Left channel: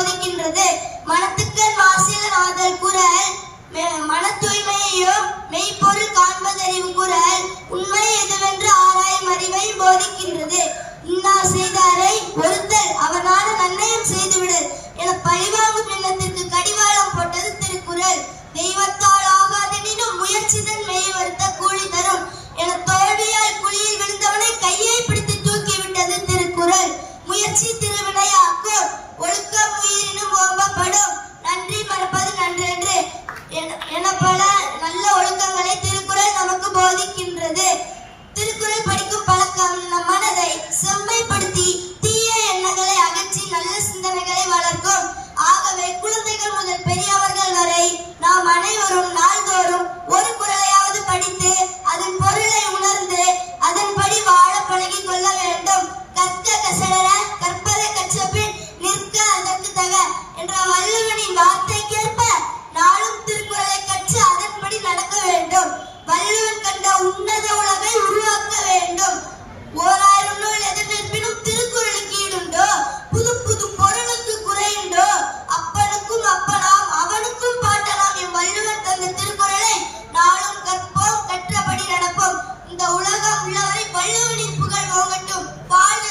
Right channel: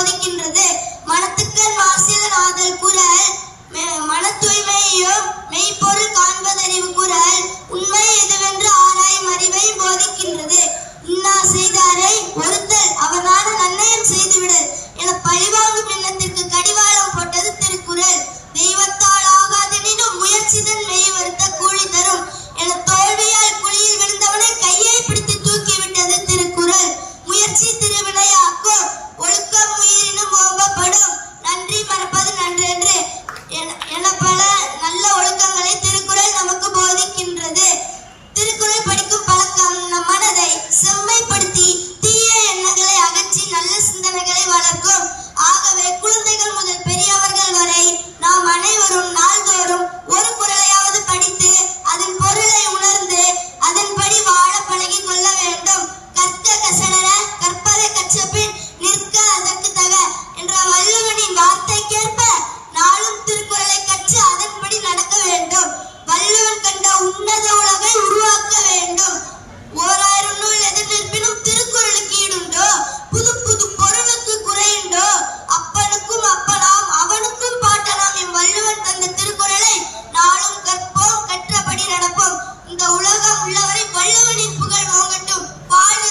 போதிக்கின்றது மனத்துக்கு மாசில் ஆதல் குரல் மன தூய்மையையும் மெய்ப்பொருள் காண்பதறிவு குரல் உண்மை எதுவென்று ஆராயும் அறிவை போதிக்கின்றது. இன்னா செய்தாரை ஒரு இருக்கும். ஆகவே குழந்தைகள் முதல் பெரியவர் உள்ளவரை வள்ளுவனின் புகழ் ஓங்கட்டும் வாழ்க